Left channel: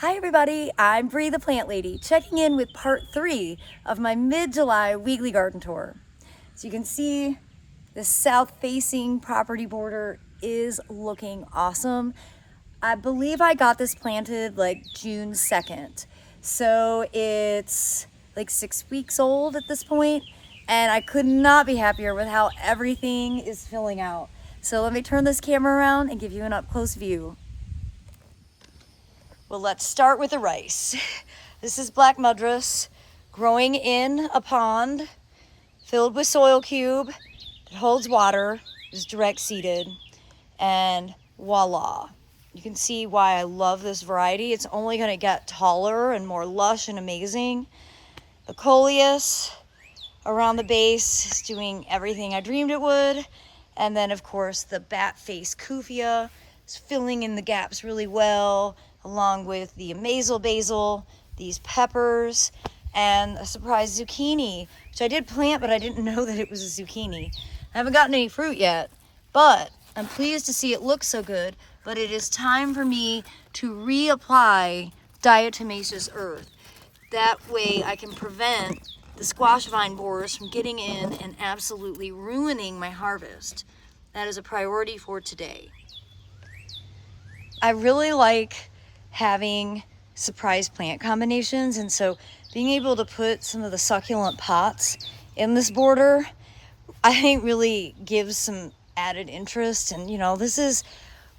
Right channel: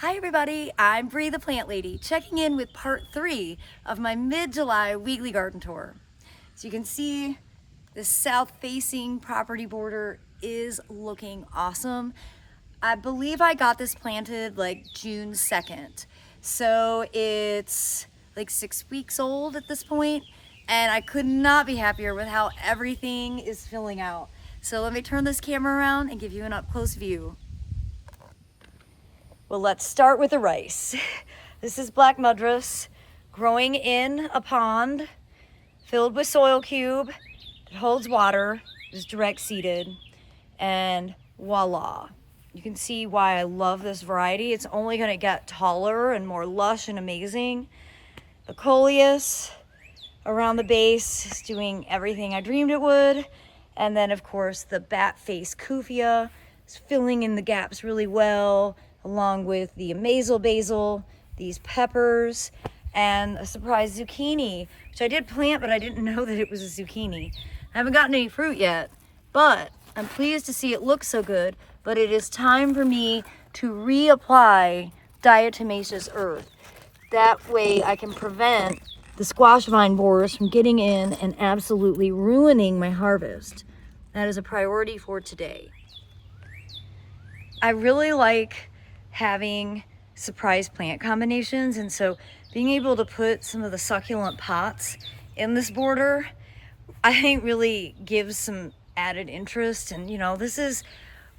Hi everybody, I'm Bree the Plant Lady, checking in with part 3 of my mid-July weekly garden tour. So you can see the south-facing property border is looking awesome. I believe I got this planted like June 2nd. So it's like 6 weeks old at this point, and I could not be happier with how everything is filling out. So let me turn this camera around and give you an up-close view. Well, let's start with the rice. This is black mudras growing in a pond filled with soil cube that holds water, is direct seeded, and voila. You can see why I love this variety. It's only gonna get taller and more lush and amazing. The coleus around the base is doing everything I dreamed it would. And then of course the bat face kufia is filling in the gaps really well, along with the amazel basil, these peppers, and a surprise zucchini, which I did plant, but I didn't know that it was a zucchini. I haven't gotten any fruit yet, but I'm pleased to see it look so good. But it is time for me to reapply diatomaceous earth. That way I can prevent the squash vine borers from getting in and absolutely ruining my harvest. That is a priority for today. I really like having surprise plant combinations, and so being able to put some of the succulent pots in this border, I think really gives some added interest. And you know, this is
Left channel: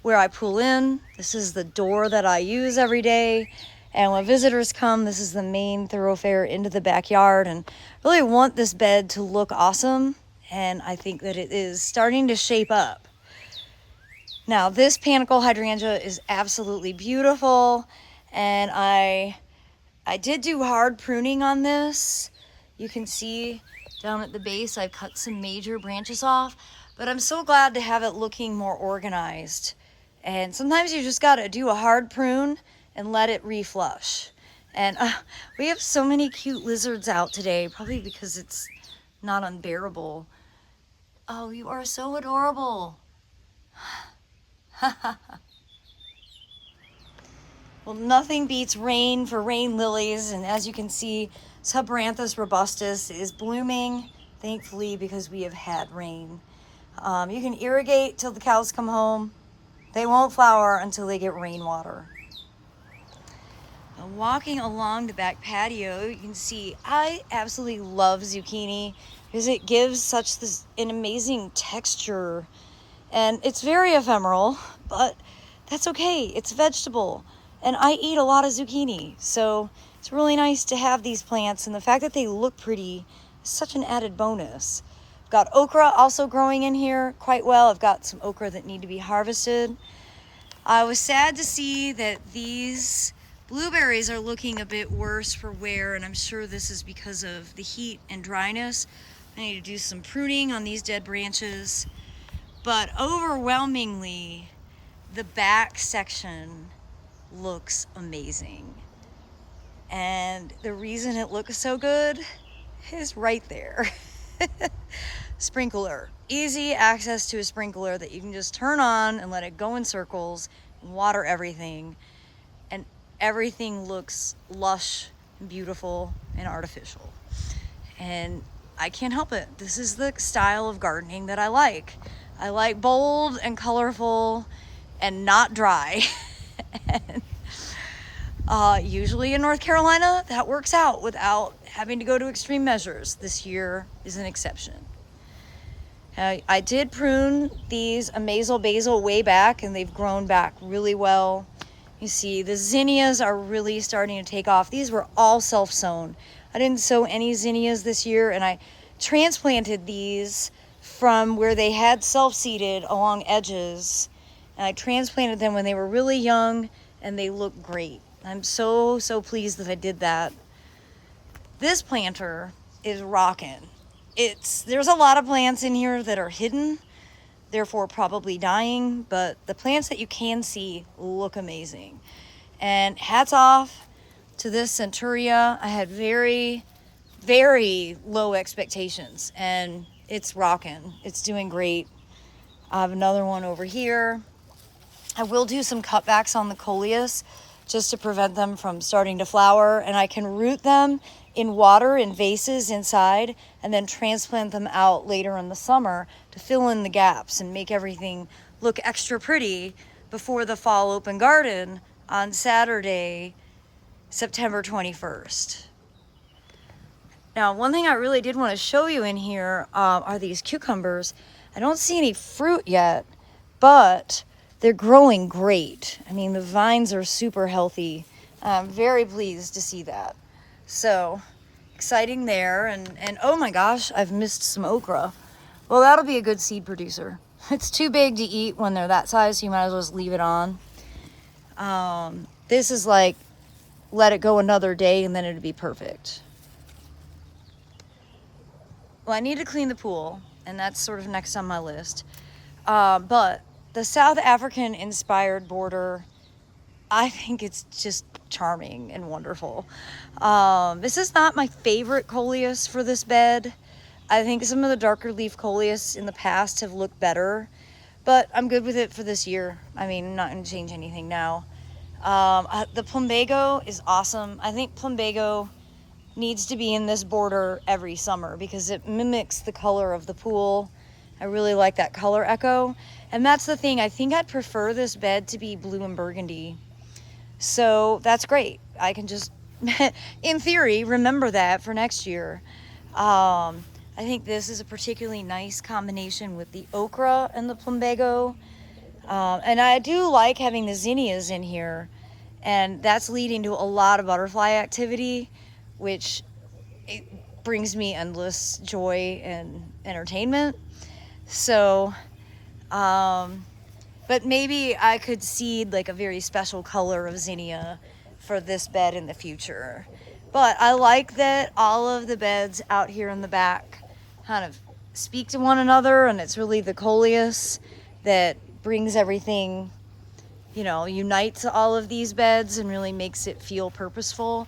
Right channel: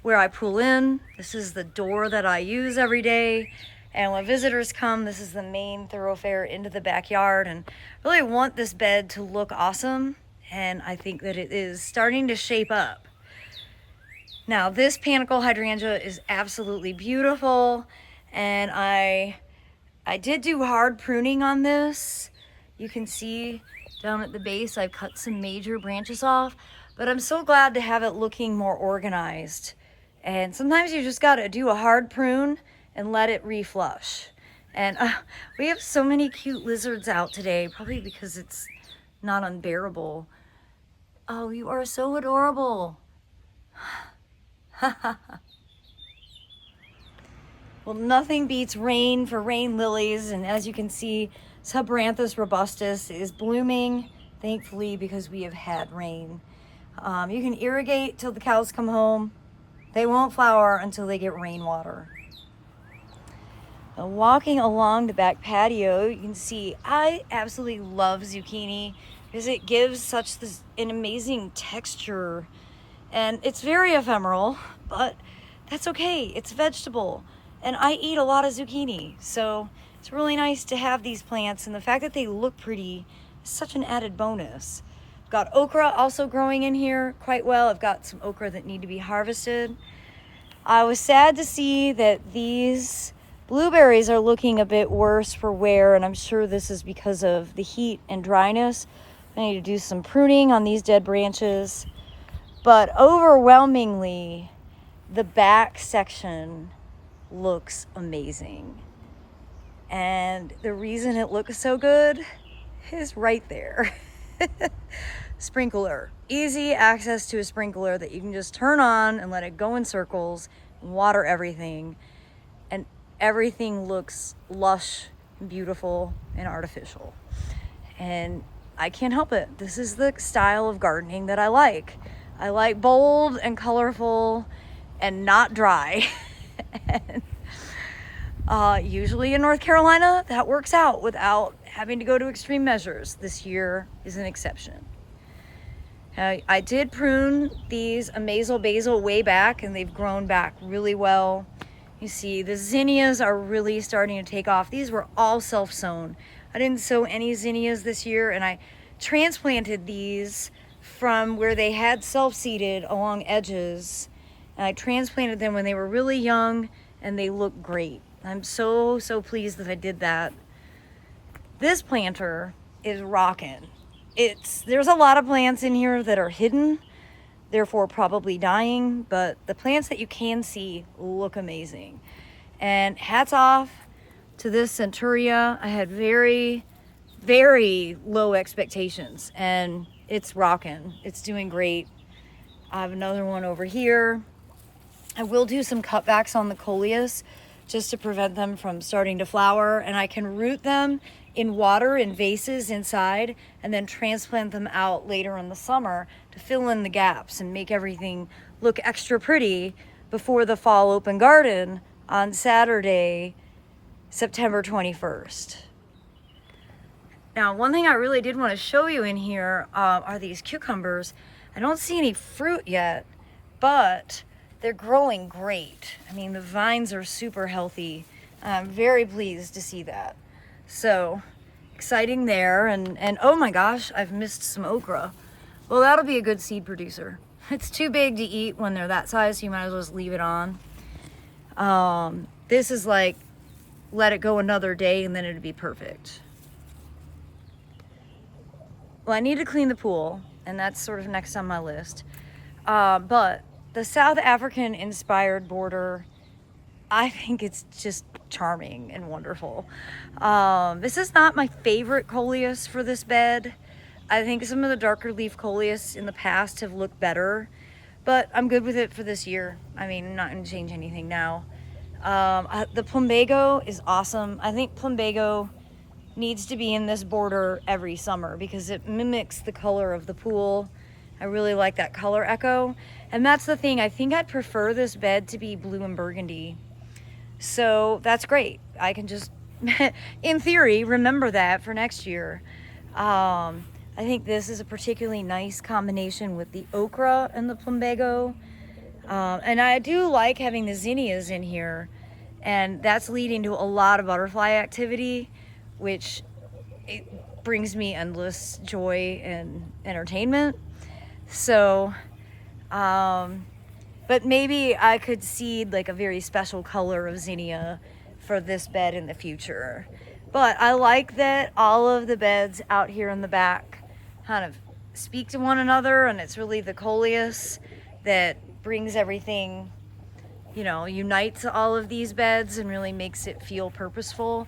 where I pull in, this is the door that I use every day, and when visitors come, this is the main thoroughfare into the backyard, and I really want this bed to look awesome, and I think that it is starting to shape up. Now this panicle hydrangea is absolutely beautiful, and I did do hard pruning on this. You can see down at the base I've cut some major branches off, but I'm so glad to have it looking more organized. And sometimes you just gotta do a hard prune and let it reflush. And we have so many cute lizards out today, probably because it's not unbearable. Oh, you are so adorable. Well, nothing beats rain for rain lilies, and as you can see, Subranthus robustus is blooming, thankfully, because we have had rain. You can irrigate till the cows come home. They won't flower until they get rainwater. Walking along the back patio, you can see I absolutely love zucchini because it gives an amazing texture. And it's very ephemeral, but that's okay. It's vegetable. And I eat a lot of zucchini. So it's really nice to have these plants. And the fact that they look pretty is such an added bonus. I've got okra also growing in here quite well. I've got some okra that need to be harvested. I was sad to see that these blueberries are looking a bit worse for wear. And I'm sure this is because of the heat and dryness. I need to do some pruning on these dead branches. But overwhelmingly, the back section looks amazing. And the reason it looks so good is right there. Sprinkler. Easy access to a sprinkler that you can just turn on and let it go in circles and water everything. And everything looks lush and beautiful and artificial. And I can't help it. This is the style of gardening that I like. I like bold and colorful and not dry. And, usually in North Carolina, that works out without having to go to extreme measures. This year is an exception. I did prune these amazel basil way back, and they've grown back really well. You see, the zinnias are really starting to take off. These were all self-sown. I didn't sow any zinnias this year, and I transplanted these from where they had self-seeded along edges, and I transplanted them when they were really young, and they look great. I'm so pleased that I did that. This planter is rocking. There's a lot of plants in here that are hidden, therefore probably dying, but the plants that you can see look amazing. And hats off to this centuria. I had very low expectations, and it's rocking. It's doing great. I have another one over here. I will do some cutbacks on the coleus just to prevent them from starting to flower. And I can root them in water in vases inside and then transplant them out later in the summer to fill in the gaps and make everything look extra pretty before the fall open garden on Saturday, September 21st. Now, one thing I really did want to show you in here are these cucumbers. I don't see any fruit yet, but they're growing great. I mean, the vines are super healthy. I'm very pleased to see that. So, exciting there. And oh my gosh, I've missed some okra. Well, that'll be a good seed producer. It's too big to eat when they're that size, so you might as well just leave it on. This is like, let it go another day and then it'd be perfect. Well, I need to clean the pool, and that's sort of next on my list. But the South African inspired border, I think it's just charming and wonderful. This is not my favorite coleus for this bed. I think some of the darker leaf coleus in the past have looked better, but I'm good with it for this year. I mean, I'm not going to change anything now. The plumbago is awesome. I think plumbago needs to be in this border every summer because it mimics the color of the pool. I really like that color echo. And that's the thing, I think I'd prefer this bed to be blue and burgundy. So that's great. I can just, in theory, remember that for next year. I think this is a particularly nice combination with the okra and the plumbago. And I do like having the zinnias in here, and that's leading to a lot of butterfly activity, which it brings me endless joy and entertainment. So, but maybe I could seed like a very special color of zinnia for this bed in the future. But I like that all of the beds out here in the back kind of speak to one another, and it's really the coleus that brings everything, you know, unites all of these beds and really makes it feel purposeful.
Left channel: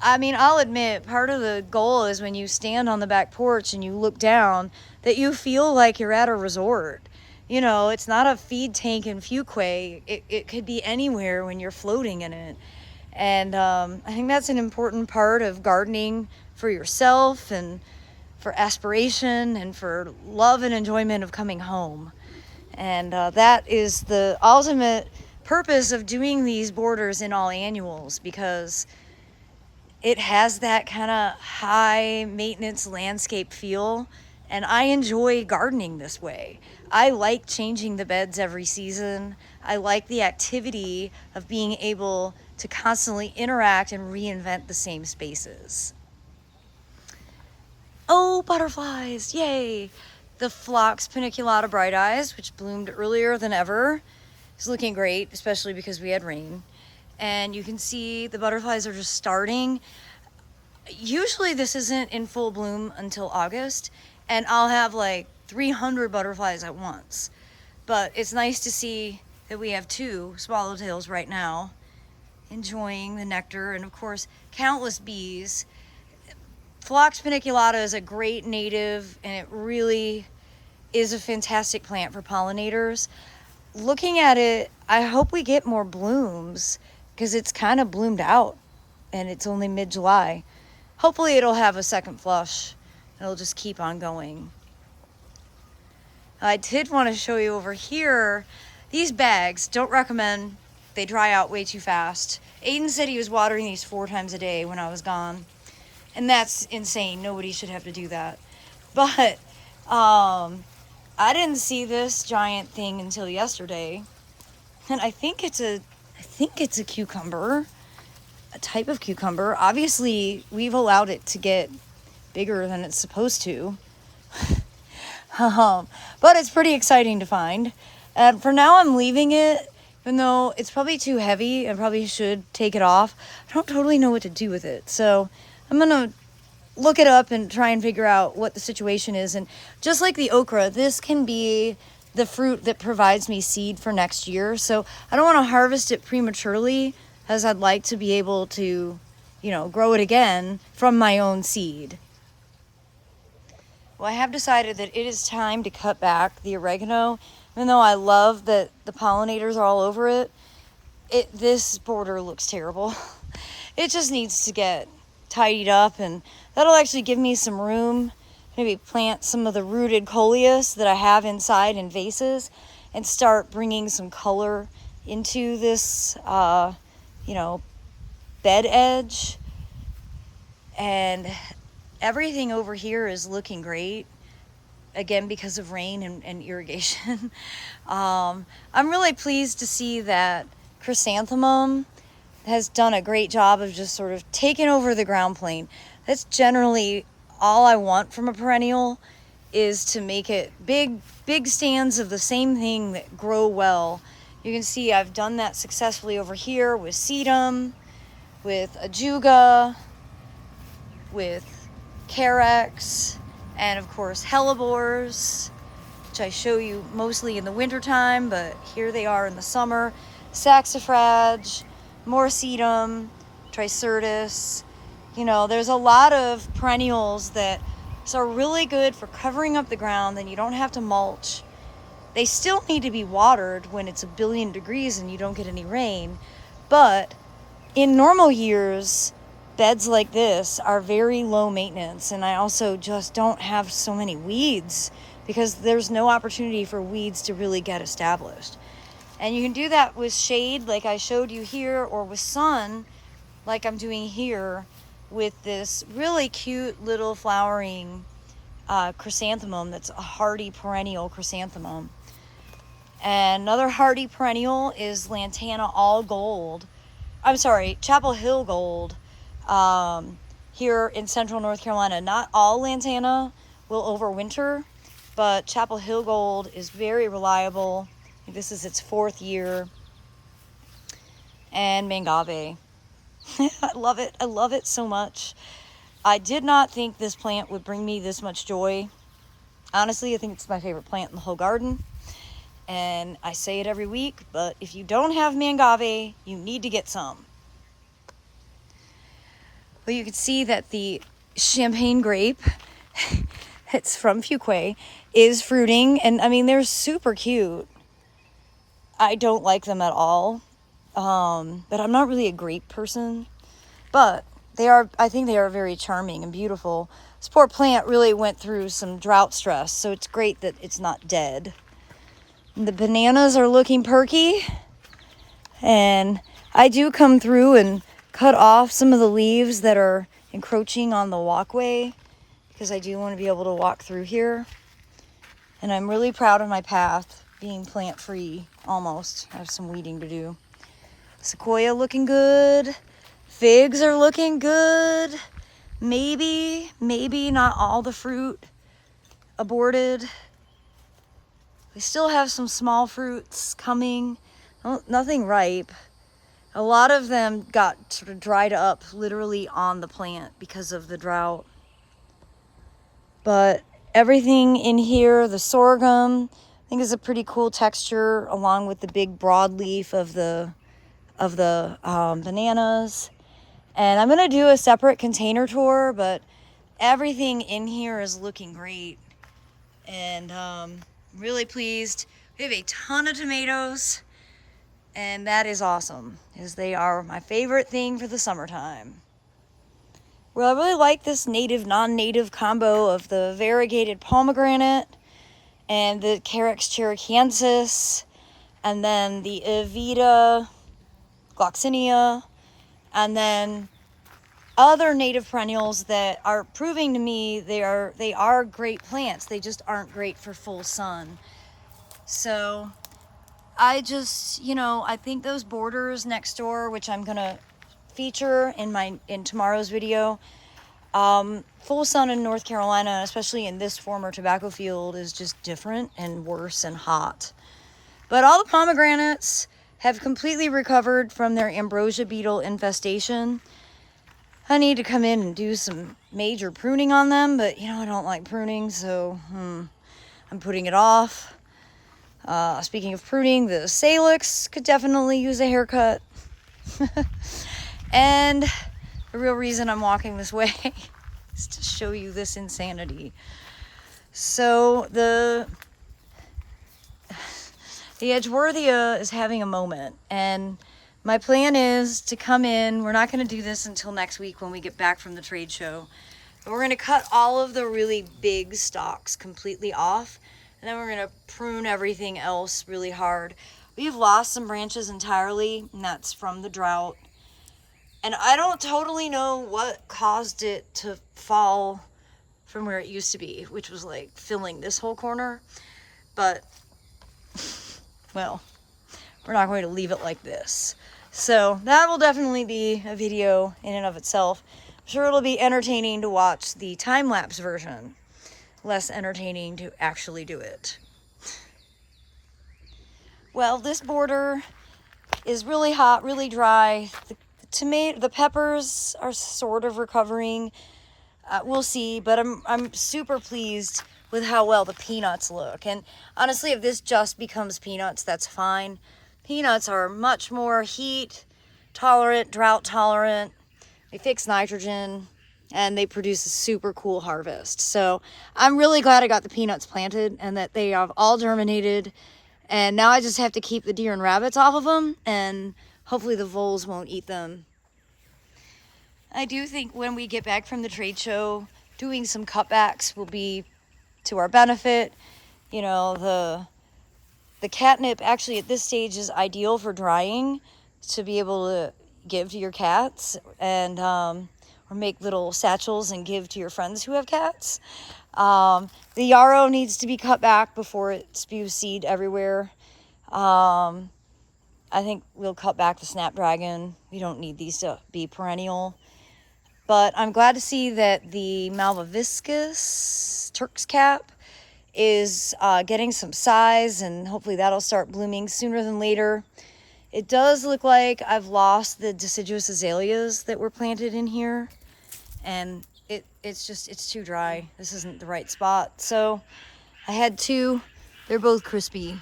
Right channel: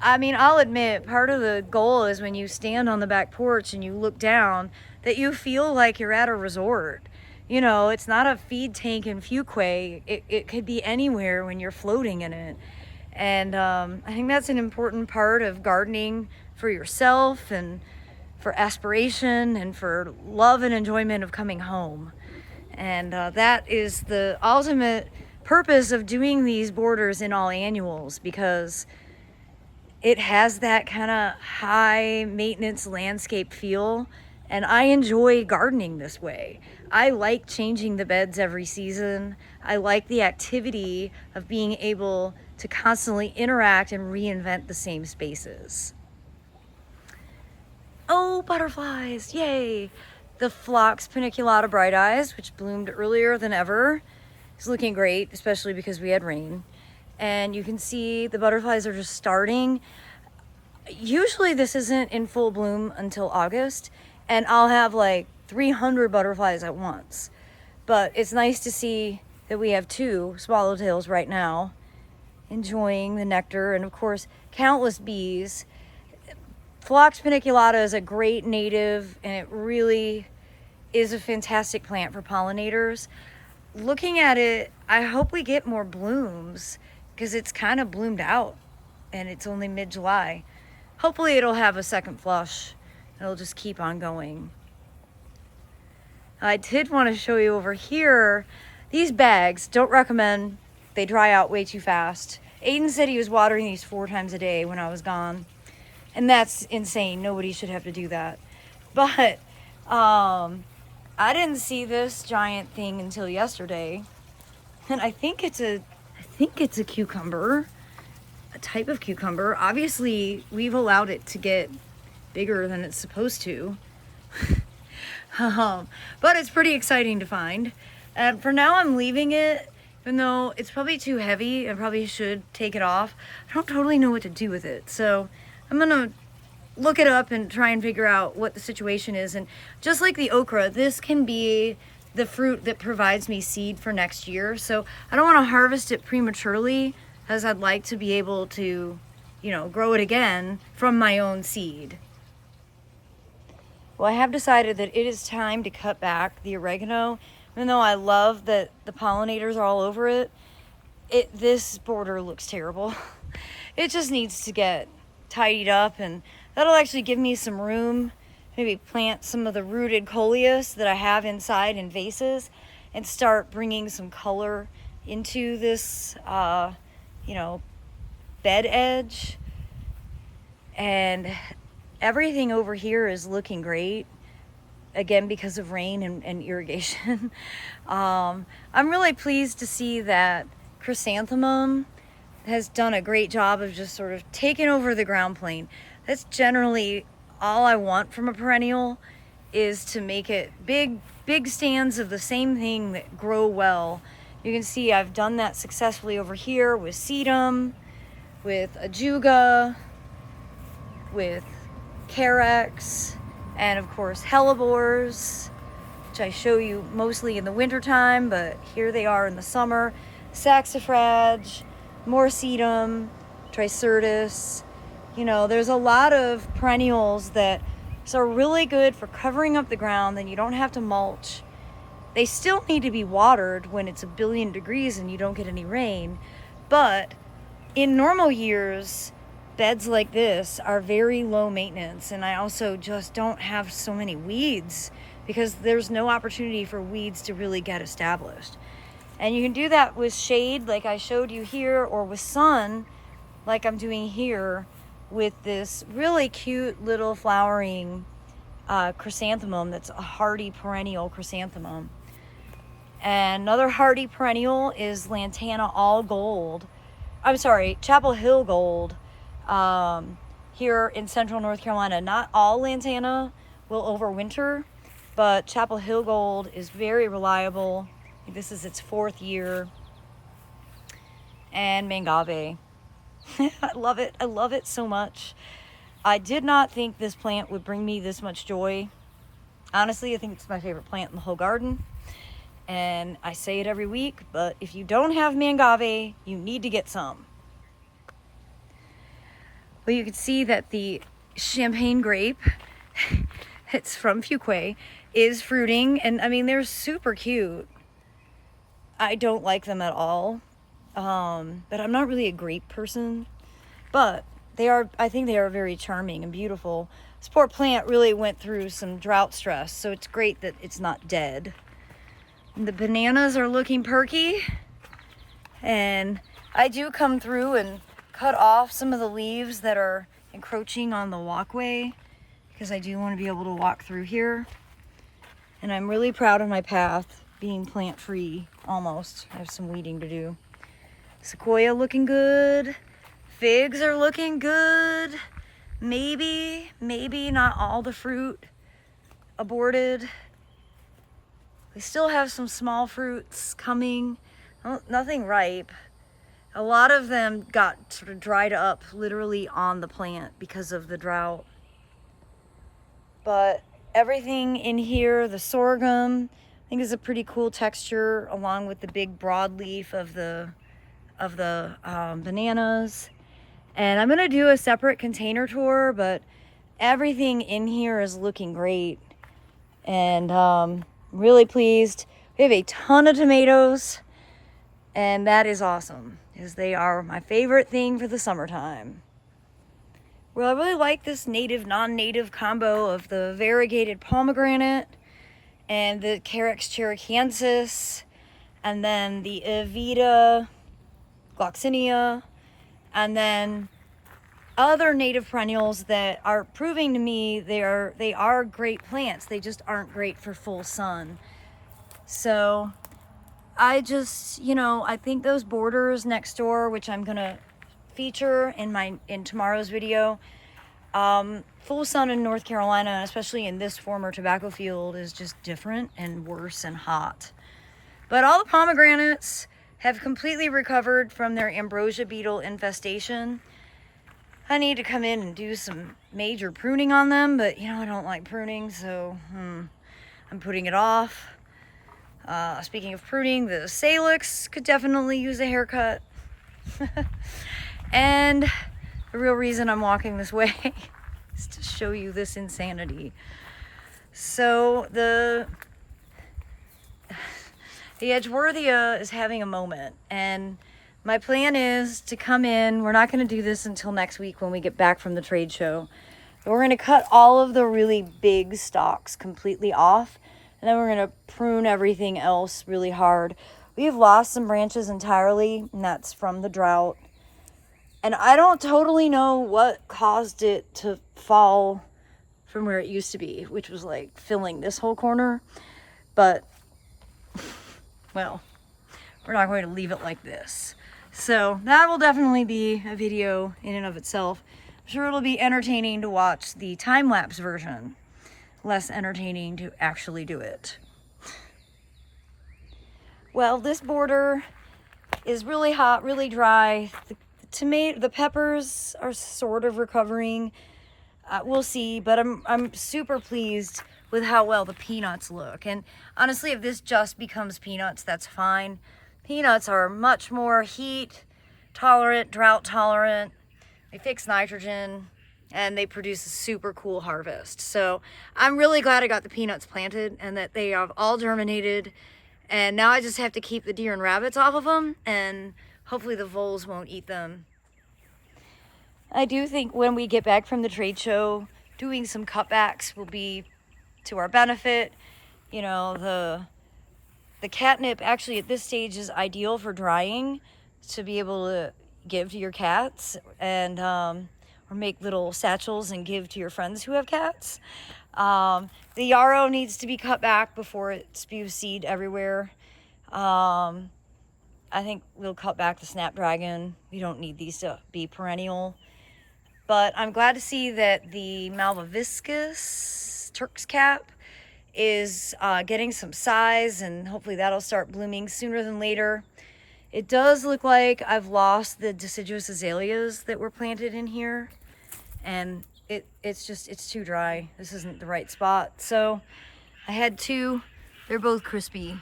I mean, I'll admit, part of the goal is when you stand on the back porch and you look down, that you feel like you're at a resort. You know, it's not a feed tank in Fuquay. It could be anywhere when you're floating in it. And I think that's an important part of gardening for yourself and for aspiration and for love and enjoyment of coming home. And that is the ultimate purpose of doing these borders in all annuals, because it has that kind of high maintenance landscape feel, and I enjoy gardening this way. I like changing the beds every season. I like the activity of being able to constantly interact and reinvent the same spaces. Oh, butterflies, yay! The Phlox paniculata bright eyes, which bloomed earlier than ever, is looking great, especially because we had rain. And you can see the butterflies are just starting. Usually this isn't in full bloom until August, and I'll have like 300 butterflies at once. But it's nice to see that we have 2 swallowtails right now enjoying the nectar, and of course countless bees. Phlox paniculata is a great native, and it really is a fantastic plant for pollinators. Looking at it, I hope we get more blooms, because it's kind of bloomed out and it's only mid-July. Hopefully it'll have a second flush. It'll just keep on going. I did want to show you over here, these bags, don't recommend. They dry out way too fast. Aiden said he was watering these 4 times a day when I was gone, and that's insane. Nobody should have to do that. But I didn't see this giant thing until yesterday, and I think it's a cucumber, a type of cucumber. Obviously, we've allowed it to get bigger than it's supposed to. But it's pretty exciting to find. And for now, I'm leaving it, even though it's probably too heavy. I probably should take it off. I don't totally know what to do with it, so I'm gonna look it up and try and figure out what the situation is. And just like the okra, this can be the fruit that provides me seed for next year. So I don't want to harvest it prematurely, as I'd like to be able to, you know, grow it again from my own seed. Well, I have decided that it is time to cut back the oregano. Even though I love that the pollinators are all over it, this border looks terrible. It just needs to get tidied up, and that'll actually give me some room. Maybe plant some of the rooted coleus that I have inside in vases and start bringing some color into this, you know, bed edge. And everything over here is looking great, again, because of rain and irrigation. I'm really pleased to see that chrysanthemum has done a great job of just sort of taking over the ground plane. That's generally all I want from a perennial, is to make it big stands of the same thing that grow well. You can see I've done that successfully over here with sedum, with ajuga, with carex, and of course hellebores, which I show you mostly in the wintertime, but here they are in the summer. Saxifrage, more sedum, tricertis. You know, there's a lot of perennials that are really good for covering up the ground, then you don't have to mulch. They still need to be watered when it's 1,000,000,000 degrees and you don't get any rain. But in normal years, beds like this are very low maintenance, and I also just don't have so many weeds because there's no opportunity for weeds to really get established. And you can do that with shade like I showed you here, or with sun like I'm doing here with this really cute little flowering chrysanthemum that's a hardy perennial chrysanthemum. And another hardy perennial is Lantana all gold. I'm sorry, Chapel Hill gold. Here in central North Carolina, not all lantana will overwinter, but Chapel Hill gold is very reliable. This is its 4th year. And mangave. I love it. I love it so much. I did not think this plant would bring me this much joy. Honestly, I think it's my favorite plant in the whole garden. And I say it every week, but if you don't have mangave, you need to get some. Well, you can see that the champagne grape, it's from Fuquay, is fruiting. And I mean, they're super cute. I don't like them at all. But I'm not really a grape person. But they are, I think they are very charming and beautiful. This poor plant really went through some drought stress, so it's great that it's not dead. And the bananas are looking perky. And I do come through and cut off some of the leaves that are encroaching on the walkway, because I do want to be able to walk through here. And I'm really proud of my path being plant free almost. I have some weeding to do. Sequoia looking good. Figs are looking good. Maybe not all the fruit aborted. We still have some small fruits coming. Nothing ripe. A lot of them got sort of dried up literally on the plant because of the drought. But everything in here, the sorghum, I think is a pretty cool texture, along with the big broadleaf of the bananas. And I'm gonna do a separate container tour, but everything in here is looking great. And really pleased. We have a ton of tomatoes, and that is awesome, because they are my favorite thing for the summertime. Well, I really like this native, non-native combo of the variegated pomegranate and the Carex cherokeensis, and then the Evita gloxinia, and then other native perennials that are proving to me they are great plants. They just aren't great for full sun. So I just, I think those borders next door, which I'm gonna feature in tomorrow's video, full sun in North Carolina, especially in this former tobacco field, is just different and worse and hot. But all the pomegranates have completely recovered from their ambrosia beetle infestation. I need to come in and do some major pruning on them, but I don't like pruning, so I'm putting it off. Speaking of pruning, the salix could definitely use a haircut. And the real reason I'm walking this way is to show you this insanity. So the Edgeworthia is having a moment, and My plan is to come in. We're not going to do this until next week when we get back from the trade show. But we're going to cut all of the really big stalks completely off. And then we're going to prune everything else really hard. We've lost some branches entirely, and that's from the drought. And I don't totally know what caused it to fall from where it used to be, which was like filling this whole corner. But, well, we're not going to leave it like this. So that will definitely be a video in and of itself. I'm sure it'll be entertaining to watch the time-lapse version. Less entertaining to actually do it. Well, this border is really hot, really dry. The peppers are sort of recovering. We'll see, but I'm super pleased with how well the peanuts look. And honestly, if this just becomes peanuts, that's fine. Peanuts are much more heat tolerant, drought tolerant. They fix nitrogen and they produce a super cool harvest. So I'm really glad I got the peanuts planted and that they have all germinated. And now I just have to keep the deer and rabbits off of them, and hopefully the voles won't eat them. I do think when we get back from the trade show, doing some cutbacks will be to our benefit. You know, the catnip actually at this stage is ideal for drying to be able to give to your cats, and or make little satchels and give to your friends who have cats. The yarrow needs to be cut back before it spews seed everywhere. I think we'll cut back the snapdragon. We don't need these to be perennial. But I'm glad to see that the malvaviscus Turk's cap is getting some size, and hopefully that'll start blooming sooner than later. It does look like I've lost the deciduous azaleas that were planted in here, and it's too dry. This isn't the right spot. So I had two. They're both crispy.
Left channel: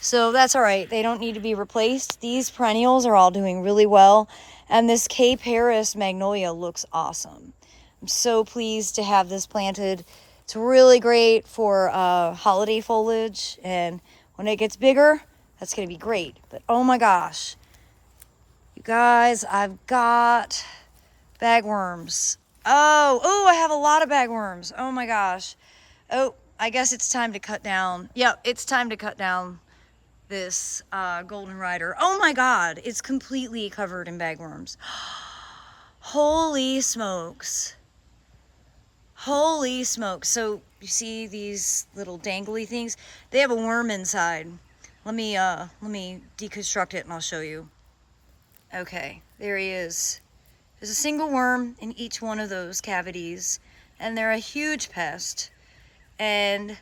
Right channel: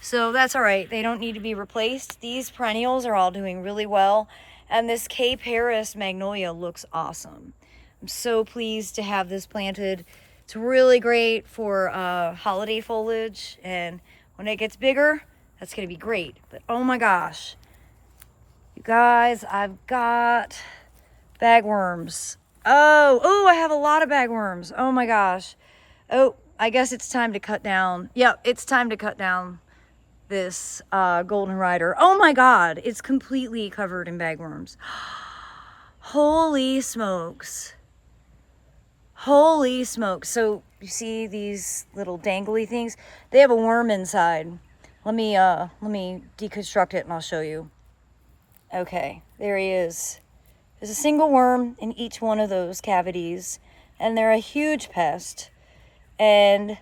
So that's all right. They don't need to be replaced. These perennials are all doing really well. And this Cape Harris magnolia looks awesome. I'm so pleased to have this planted. It's really great for holiday foliage. And when it gets bigger, that's going to be great. But oh my gosh, you guys, I've got bagworms. Oh, I have a lot of bagworms. Oh my gosh. Oh, I guess it's time to cut down. Yep, it's time to cut down this golden rider. Oh my God, it's completely covered in bagworms. Holy smokes. Holy smokes. So you see these little dangly things? They have a worm inside. Let me deconstruct it and I'll show you. Okay, there he is. There's a single worm in each one of those cavities, and they're a huge pest. And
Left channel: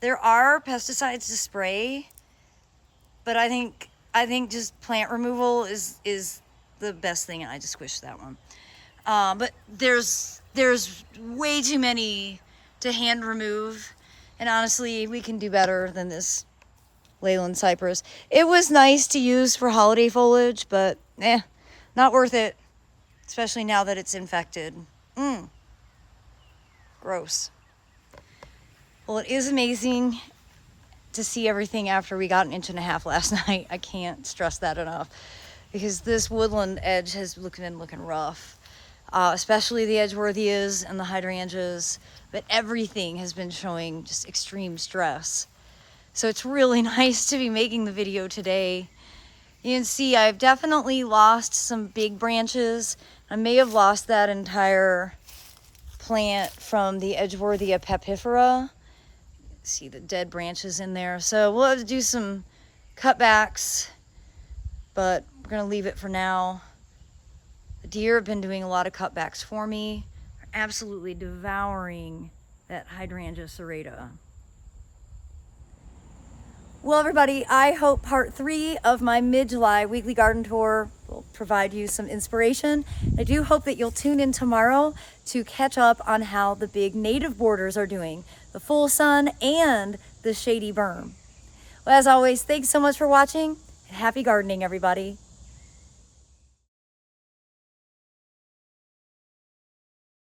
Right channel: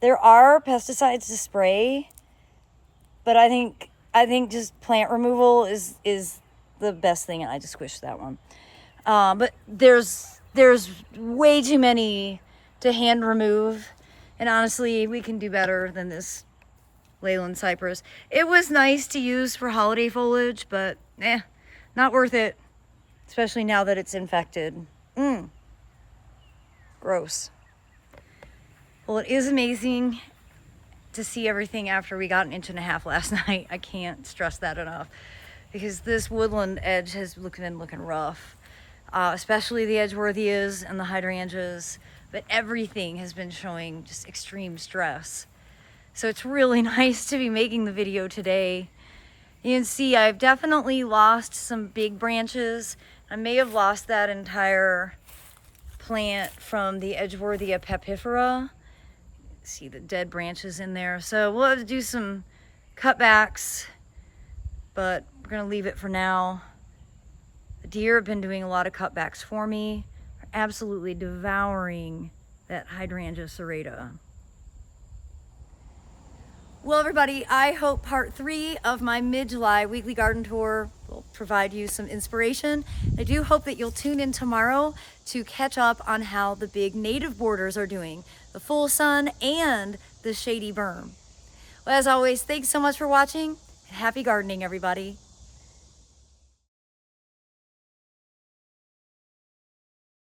there are pesticides to spray, but I think just plant removal is the best thing, and I just squished that one. But there's way too many to hand remove, and honestly, we can do better than this Leyland cypress. It was nice to use for holiday foliage, but not worth it, especially now that it's infected. Gross. Well, it is amazing to see everything after we got 1.5 inches last night. I can't stress that enough, because this woodland edge has been looking rough, especially the edgeworthias and the hydrangeas, but everything has been showing just extreme stress. So it's really nice to be making the video today. You can see I've definitely lost some big branches. I may have lost that entire plant from the Edgeworthia pepifera. See the dead branches in there. So we'll have to do some cutbacks, but we're gonna leave it for now. The deer have been doing a lot of cutbacks for me. They're absolutely devouring that hydrangea serrata. Well, everybody, I hope part 3 of my mid-July weekly garden tour will provide you some inspiration. I do hope that you'll tune in tomorrow to catch up on how the big native borders are doing, the full sun and the shady berm. Well, as always, thanks so much for watching, and happy gardening, everybody.